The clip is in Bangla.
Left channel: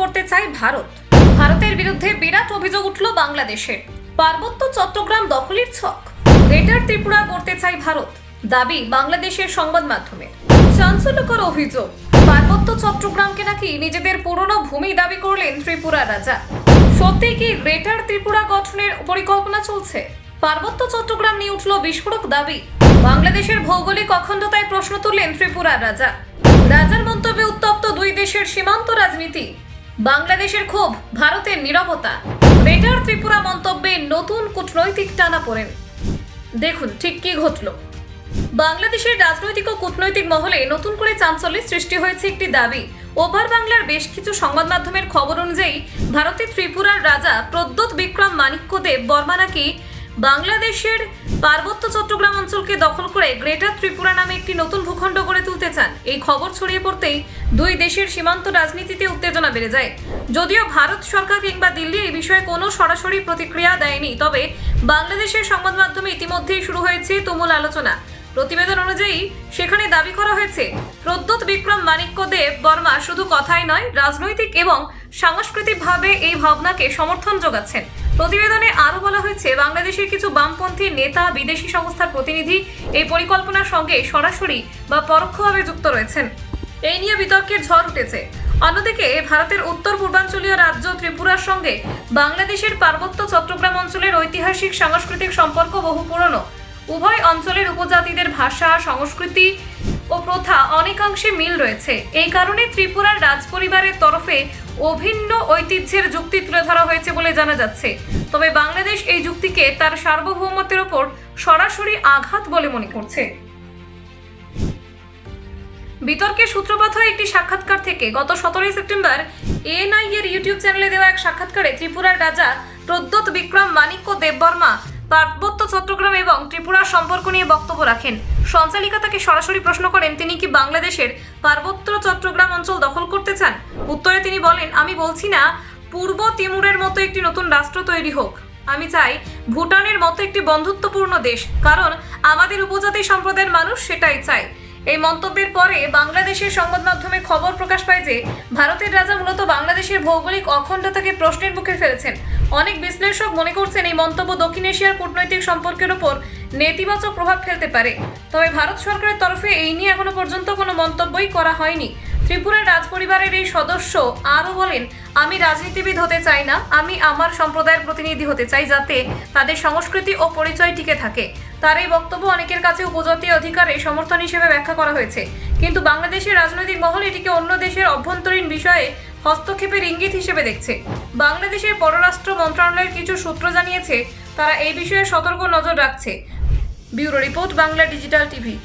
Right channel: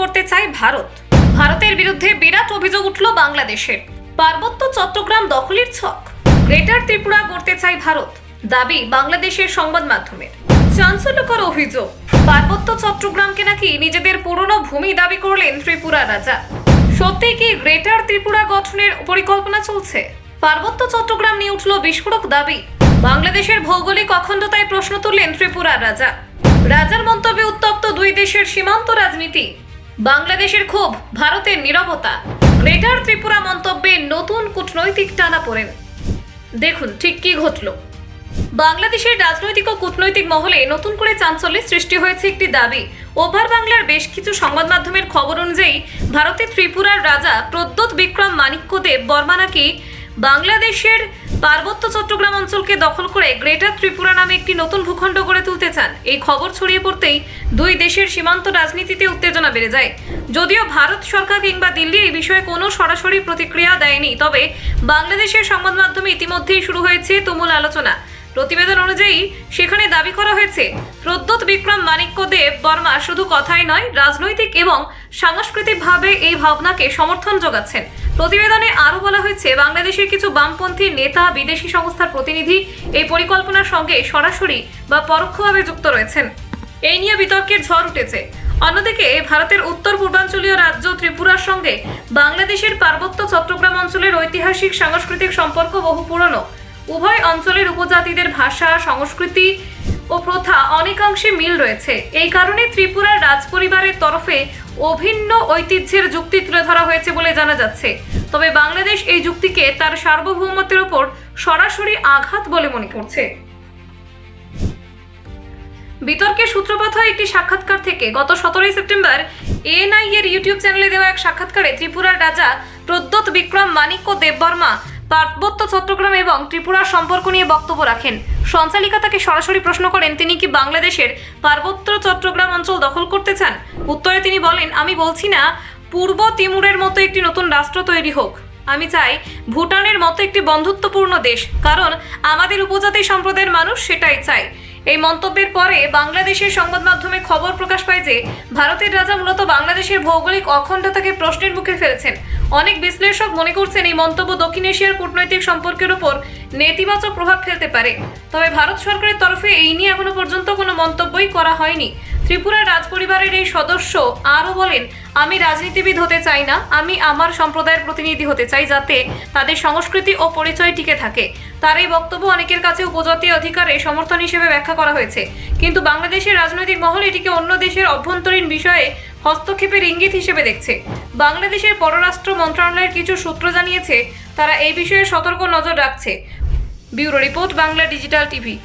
করতে চায় ভারত। ভারতের বিরুদ্ধে বিরাট অভিযোগ উঠল বাংলাদেশের পার্বত্য চট্টগ্রাম দখলের ছক। গ্রেটার ত্রিপুরা গড়তে চায় ভারত। দাবি বাংলাদেশের সংবাদ মাধ্যমের। চাঞ্চল্যকর অভিযোগ। পার্বত্য চট্টগ্রামকে নাকি নিজেদের পুরনো ভূমি দাবি করলেন ত্রিপুরা রাজা। সত্যি কি গ্রেটার ত্রিপুরা গঠনের পরিকল্পনা চলছে? পার্বত্য চট্টগ্রাম নিয়ে উঠল বিস্ফোরক দাবি। বাংলাদেশের ভৌগোলিক অখণ্ডতায় প্রশ্ন তুললেন ত্রিপুরা রাজা। রাজার মন্তব্যে উত্তপ্ত দুই দেশের সীমান্ত রাজনীতি। বাংলাদেশের ক্ষোভ, ভারতের নীরবতা। গ্রেটার ত্রিপুরা মন্তব্যে নতুন কূটনৈতিক টানা পড়েন। দেখুন ঠিক কি ঘটল। বাংলাদেশের রাজনৈতিক ও কূটনৈতিক মহলে নতুন করে চাঞ্চল্যের সৃষ্টি হয়েছে একটি দাবি। ওভার বাংলার বেশ কিছু সংবাদ মাধ্যমের খবর অনুযায়ী, ভারতের ত্রিপুরার রাজা প্রদ্যোৎ বিক্রম মাণিক্যদেব বর্মা নাকি বাংলাদেশের পার্বত্য চট্টগ্রাম অঞ্চলকে দখল করে গ্রেটার ত্রিপুরা নামে একটি নতুন ভূখণ্ড গড়ে তুলতে চান। এই খবর ছড়িয়ে পড়তেই দুই দেশের সীমান্ত রাজনীতিতে উত্তেজনা বেড়ে যায়। যদিও ভারত সরকার কিংবা দিল্লি এই বিষয়ে কোনো সরাসরি প্রতিক্রিয়া দেয়নি, তবে বাংলাদেশের সংবাদ মাধ্যমে ইতিমধ্যেই শুরু হয়েছে তুমুল আলোচনা। প্রতিবেদন অনুযায়ী, সেখানে দাবি করা হয়েছে, প্রদ্যোৎ বিক্রম মাণিক্য দেব বর্মা শুধু কথাই নয়, রাজনৈতিক এবং সাংস্কৃতিকভাবে এই ভাবনাকে সমর্থন যোগাচ্ছেন। প্রতিবেদনে আরও বলা হয়েছে, বাংলাদেশের কিছু বামপন্থী নেতা, বিদেশি সংস্থার প্রতিনিধি এই পরিকল্পনার সঙ্গে সরাসরি বা পরোক্ষভাবে যুক্ত রয়েছেন। এই নিয়ে বিতর্কের ঝড় উঠেছে। অন্যদিকে, ভারতের উত্তর পূর্বাঞ্চলীয় রাজ্য ত্রিপুরার সঙ্গে বাংলাদেশের পার্বত্য চট্টগ্রাম অঞ্চলের ঐতিহাসিক সাংস্কৃতিক সম্পর্ক বহু পুরনো। উভয় অঞ্চলের উপজাতিদের ভাষা, সংস্কৃতি ও প্রথা অনেকাংশে মিল রয়েছে। এই কারণে ত্রিপুরার রাজপরিবারের তরফে অভিন্ন ঐতিহ্যের যুক্তি তুলে ধরা হয়েছে বলে জানা যাচ্ছে। তবে বাংলাদেশ এই যুক্তিকে তার সার্বভৌমত্বের ওপর সরাসরি আঘাত বলে মনে করছে। বিতর্কের সূত্রপাত হয় একটি সাক্ষাৎকার থেকে। গত সতেরোই সেপ্টেম্বর এএনআই এর ইউটিউব চ্যানেলে দেওয়া এক সাক্ষাৎকারে ত্রিপুরার রাজা প্রদ্যোৎ বিক্রম মাণিক্য দেববর্মা পার্বত্য চট্টগ্রাম এবং ত্রিপুরার সম্পর্ক নিয়ে বক্তব্য রাখেন। সঞ্চালিকা তাকে সরাসরি প্রশ্ন করেন, তিনি কি বাংলাদেশের পার্বত্য চট্টগ্রাম অঞ্চল দখল করতে চান? উত্তরে তিনি বলেন, আমি বলছি না, পূর্ব তিমুরের মতো একটি নতুন রাষ্ট্র তৈরি হোক। আমি চাই ভুটানের মতো একটি বন্ধুত্বপূর্ণ দেশ, কারণ আমাদের উপজাতি সম্প্রদায়ের মানুষ সেটাই চায়। এই মন্তব্যের পরে বাংলাদেশের সংবাদ মাধ্যমে খবর প্রকাশ পায় যে, ভারতের রাজা মূলত বাংলাদেশের ভৌগোলিক অখণ্ডতাকে প্রশ্নের মুখে ফেলেছেন। অনেক বিশ্লেষক মনে করছেন এই মন্তব্য দক্ষিণ এশিয়ার কূটনৈতিক সম্পর্কের উপর নেতিবাচক প্রভাব ফেলতে পারে। তবে ভারত সরকারের তরফে এই নিয়ে এখনও পর্যন্ত কোনো মন্তব্যই করা হয়নি। ত্রিপুরার রাজপরিবারের এই সদস্য আরও বলেন, আমি রাজনীতিবিদ হতে চাই না, আমি আমার সম্প্রদায়ের প্রতিনিধি হতে চাই যাতে তাদের সংস্কৃতি ও পরিচয় টিকে থাকে। তার এই বক্তব্য অনেকের কাছে উপজাতীয় অধিকারে সমর্থন হিসেবে ব্যাখ্যা করা হয়েছে। কিন্তু বাংলাদেশের রাজনৈতিক মহল এটিকে অন্য দেশের অভ্যন্তরীণ বিষয়ে হস্তক্ষেপের ইঙ্গিত হিসেবে দেখছে। বাংলাদেশের পররাষ্ট্র মন্ত্রণালয়ের কিছু সূত্র জানিয়েছে, তারা এই বিষয়ে সতর্ক নজর রাখছে। Bureau report Bangla digital TV.